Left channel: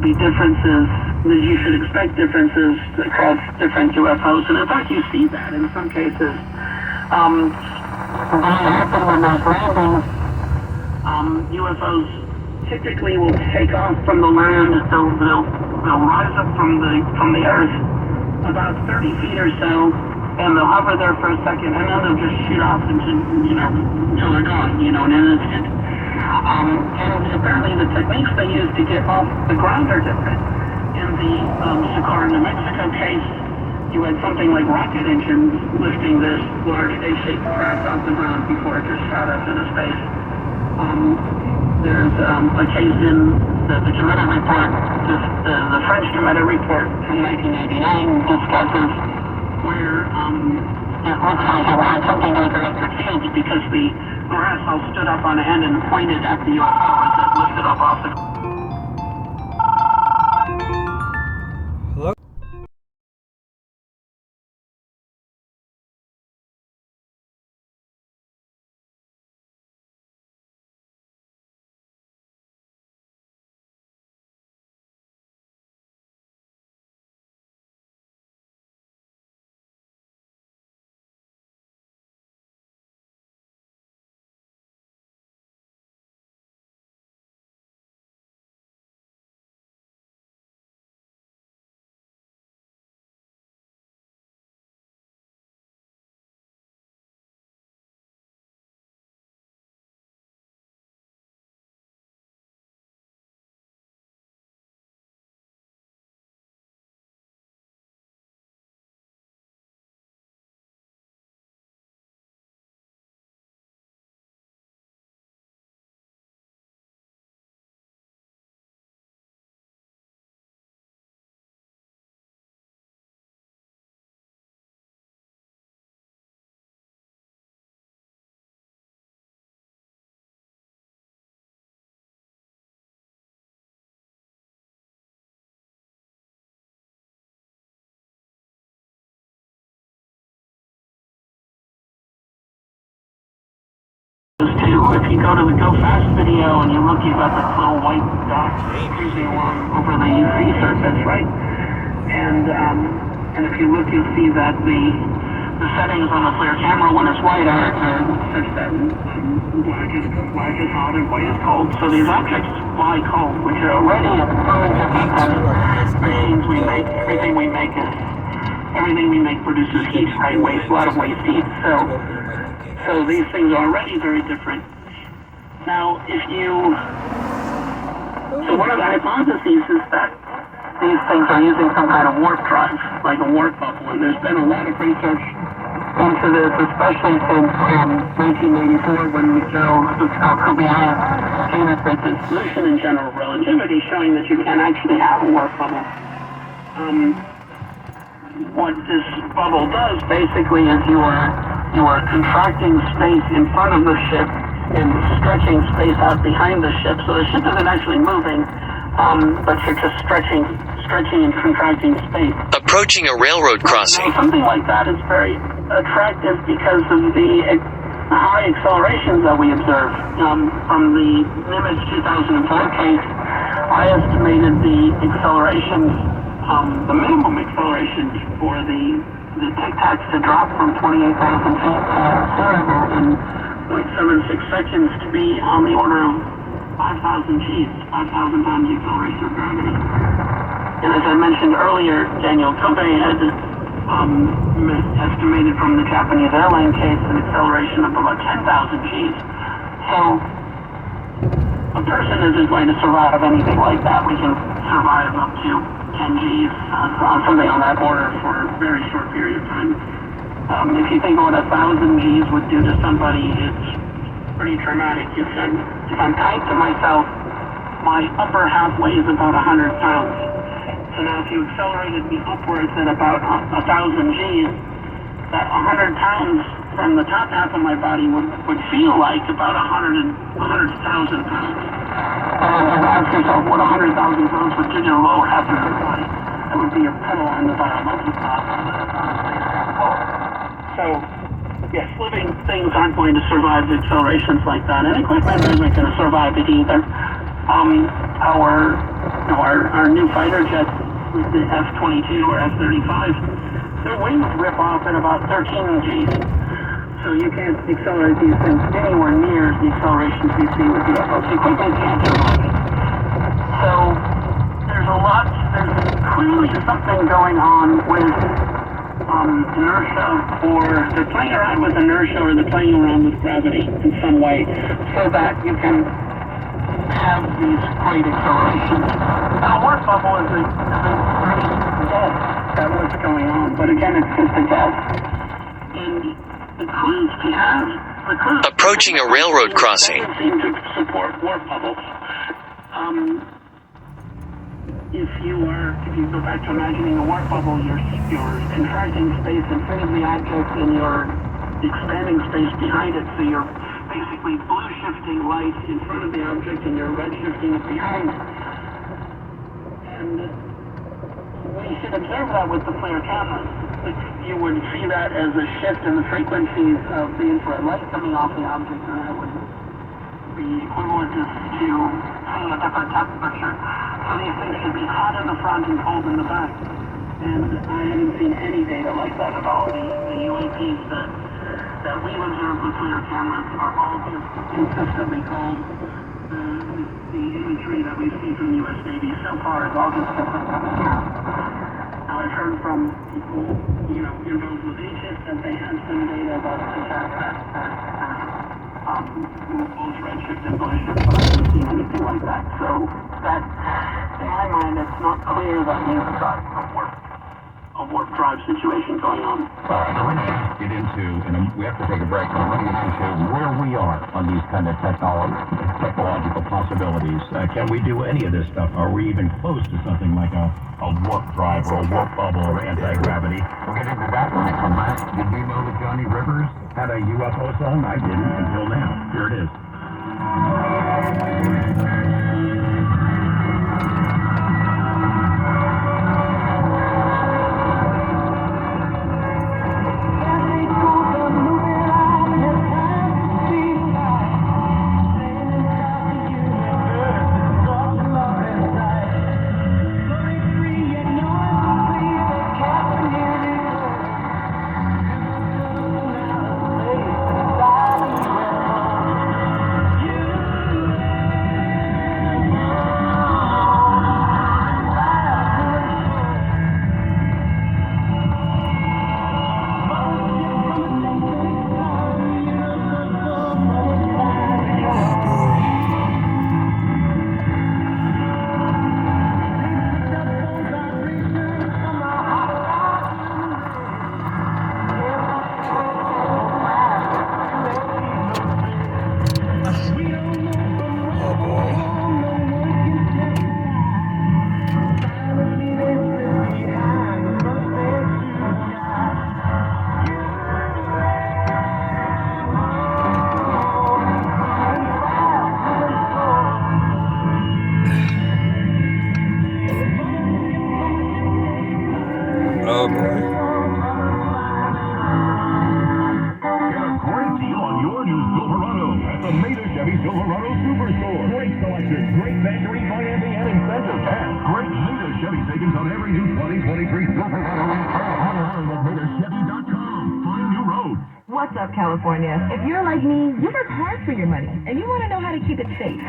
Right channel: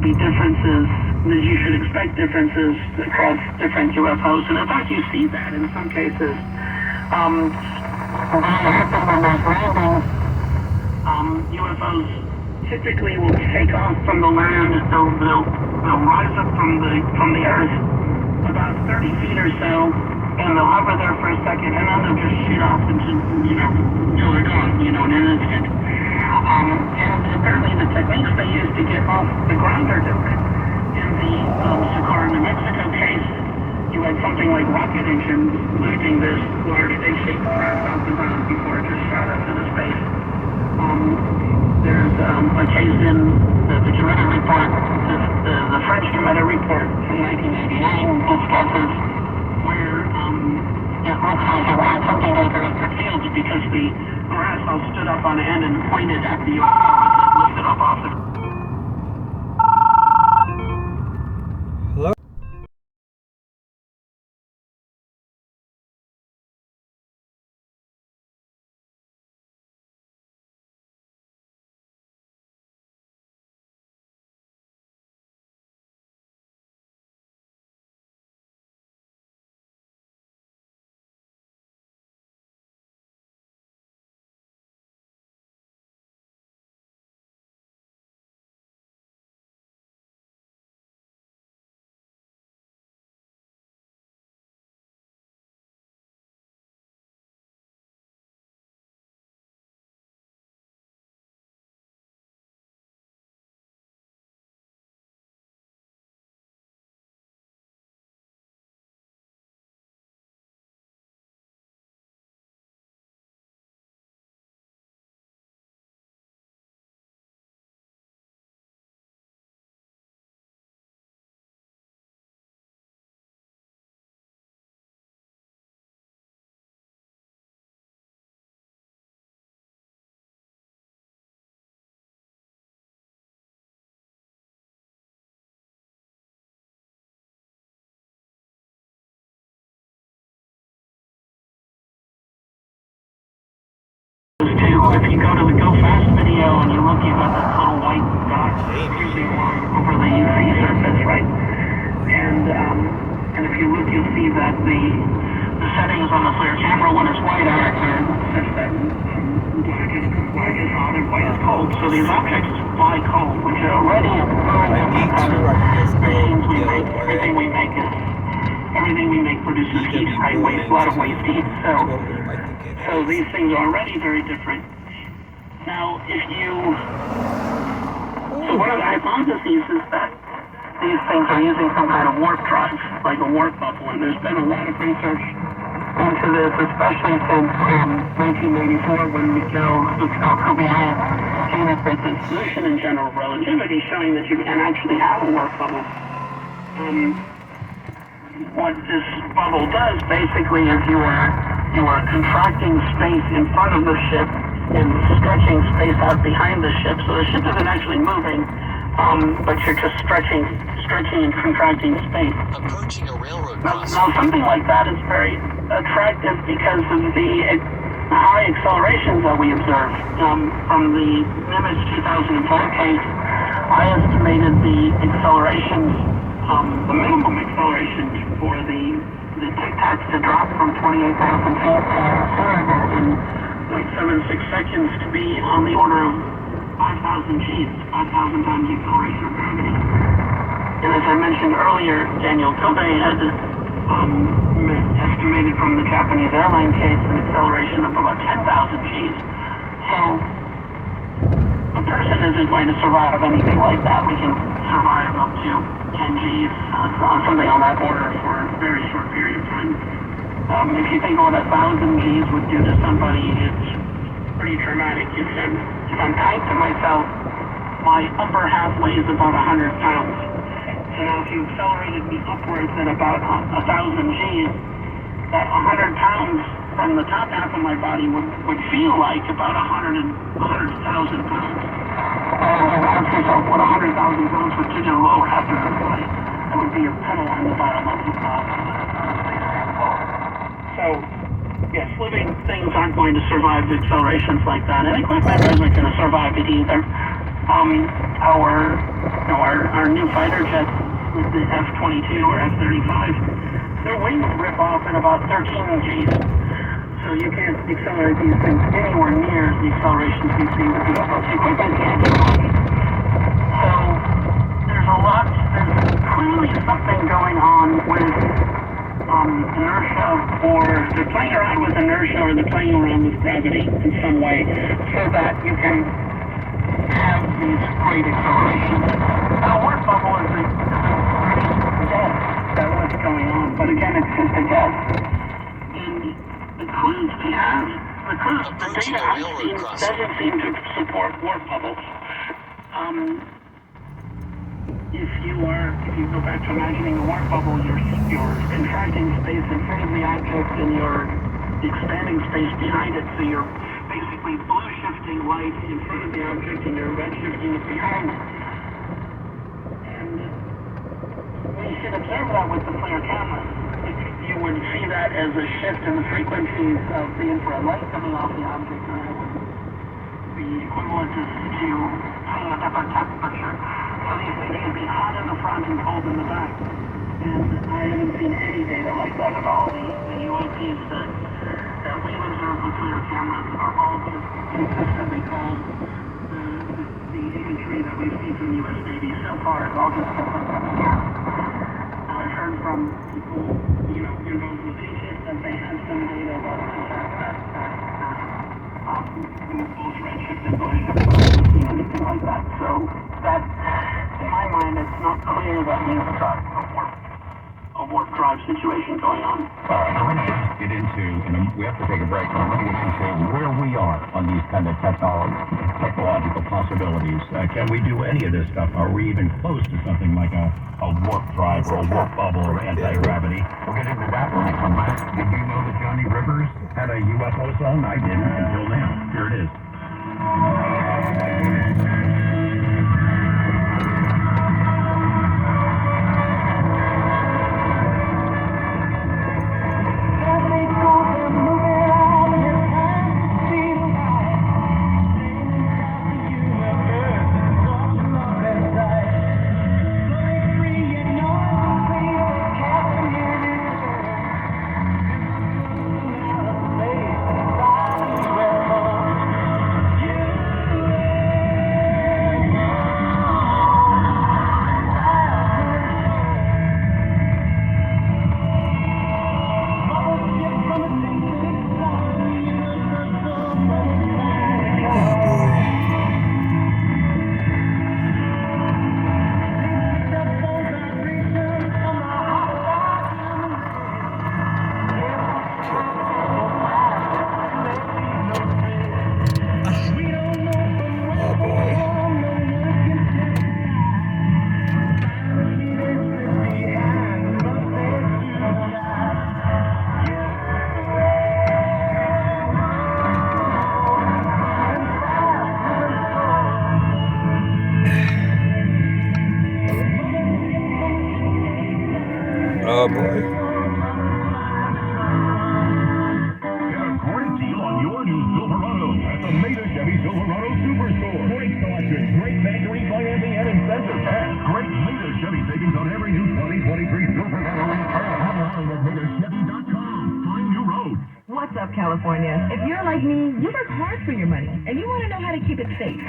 to be differences, that you should expect differences across different UFOs. And in fact, you see that in some cases. When there's landings, UFOs typically will take off from the land. They'll rise up from the earth about 30 feet or so, and they'll hover there for a second, and then they'll just shoot off into, until they're gone, in an instant. And apparently the techniques they use to get off the ground are different. In the Socorro, New Mexico case, you had something like rocket engines lifting this large spaceship craft off the ground before it just shot up into space. There's a case in the Cometa report, the French Cometa report from 1989 discusses where it looks like it had something like electric fields because the brass all stood up on end and pointed at the UFO as it lifted up off the... Hello? Too. If you go to the Go Fast video and you look, you've got this little white dot cruising along over the sea surface, right? And if you look, you'll see that the settings on the FLIR camera when it's white are such that black is hot and white is cold. So these objects fly cold, which are already machines we make. Everything we make produces heat, right? A lot of waste heat. So these things are already very different. Now, so one of the hypotheses is that these things are using some kind of warp drive, like a warp bubble, and there's been a lot of research into this, especially since 1984 when Miguel Alcubierre came up with this solution in general relativity showing that you can actually have a warp bubble. What this bubble does basically is you are contracting space in front of the ship and stretching space out behind the ship. So the ship isn't actually moving, but you're just stretching and contracting space. Approaching a railroad crossing. Now, something like that is very attractive because of the high accelerations that we observe. From the Nimitz 2004 case, I estimated the accelerations, the minimum acceleration for the Tic Tacs to drop from 28,000 feet to zero in 0.76 seconds to be on the order of 5,000 Gs, 5,000 times the acceleration of gravity. And as I mentioned earlier, Daniel Kobe had estimated from the Japanese airline case an acceleration of about 10,000 Gs. So a person isn't going to survive anything like that. We can survive up to 10 Gs, something on that order for a very short period of time. If you think of what 1,000 Gs would do to somebody, it's pretty traumatic. If I'm tight to myself, my upper half weighs about 100 pounds. So now if you accelerated me upwards at about 1,000 Gs, that 100 pounds from the top half of my body would feel like about 100,000 pounds. And ask yourself what 100,000 pounds would do to the lower half of your body. That would be your pedal on the bottom of the top. So, yes, living things aren't going to survive accelerations like that, and equipment isn't going to survive it either. Our our new fighter jets, the F-22 or F-35, their wings rip off at about 13 Gs. So you can't accelerate these things anywhere near the accelerations you see with the UFOs. You quickly can't get them. So there's clearly something going on with inertia, or they're playing around with inertia, or they're playing around with gravity in some way, so that you can have these great accelerations. And a warp bubble is a great guess at what's going on, but again, it's just a guess. And the clues we have, Approaching a railroad crossing. doesn't seem to support warp bubbles. If you go back to imagining a warp bubble, you're contracting space in front of the object and you're expanding space behind it, so you're basically blue shifting light in front of the object and you're red shifting it behind. And we should observe that with the FLIR camera. You would see that as a shift in the frequencies of the infrared light coming off the object, and that would be equivalent to seeing a different temperature. So these things should be hot in the front and cold in the back. And I haven't seen any data like that at all. The UAPs that we've observed with FLIR cameras are all just consistently cold. The imagery that we've seen from the U.S. Navy so far is all just different temperatures. Now I've heard from people, involved with Egypt, that they have some data that suggests that both redshift and blue shift, but I haven't seen anything like that. So that, in my mind, it's not clear that we've got a warp drive situation going on. All right, we're going to get into, and we have to take a break, but we're going to get into where we are on these kind of technological possibilities. Can we do any of this stuff? Are we even close to something like a warp drive or a warp bubble or anti-gravity? We'll get into that when I come back. Did you know that Johnny Rivers had a UFO song? I didn't until now. Here it is. Oh boy. Get a great deal on your new Silverado at the Meta Chevy Silverado Superstore. Great selection, great factory financing and incentives, and great Meta Chevy savings on every new 2023 Silverado. Online at MetaChevy.com. Find new road. What's up, California? If you're like me, you work hard for your money, and you want to know how to keep it safe.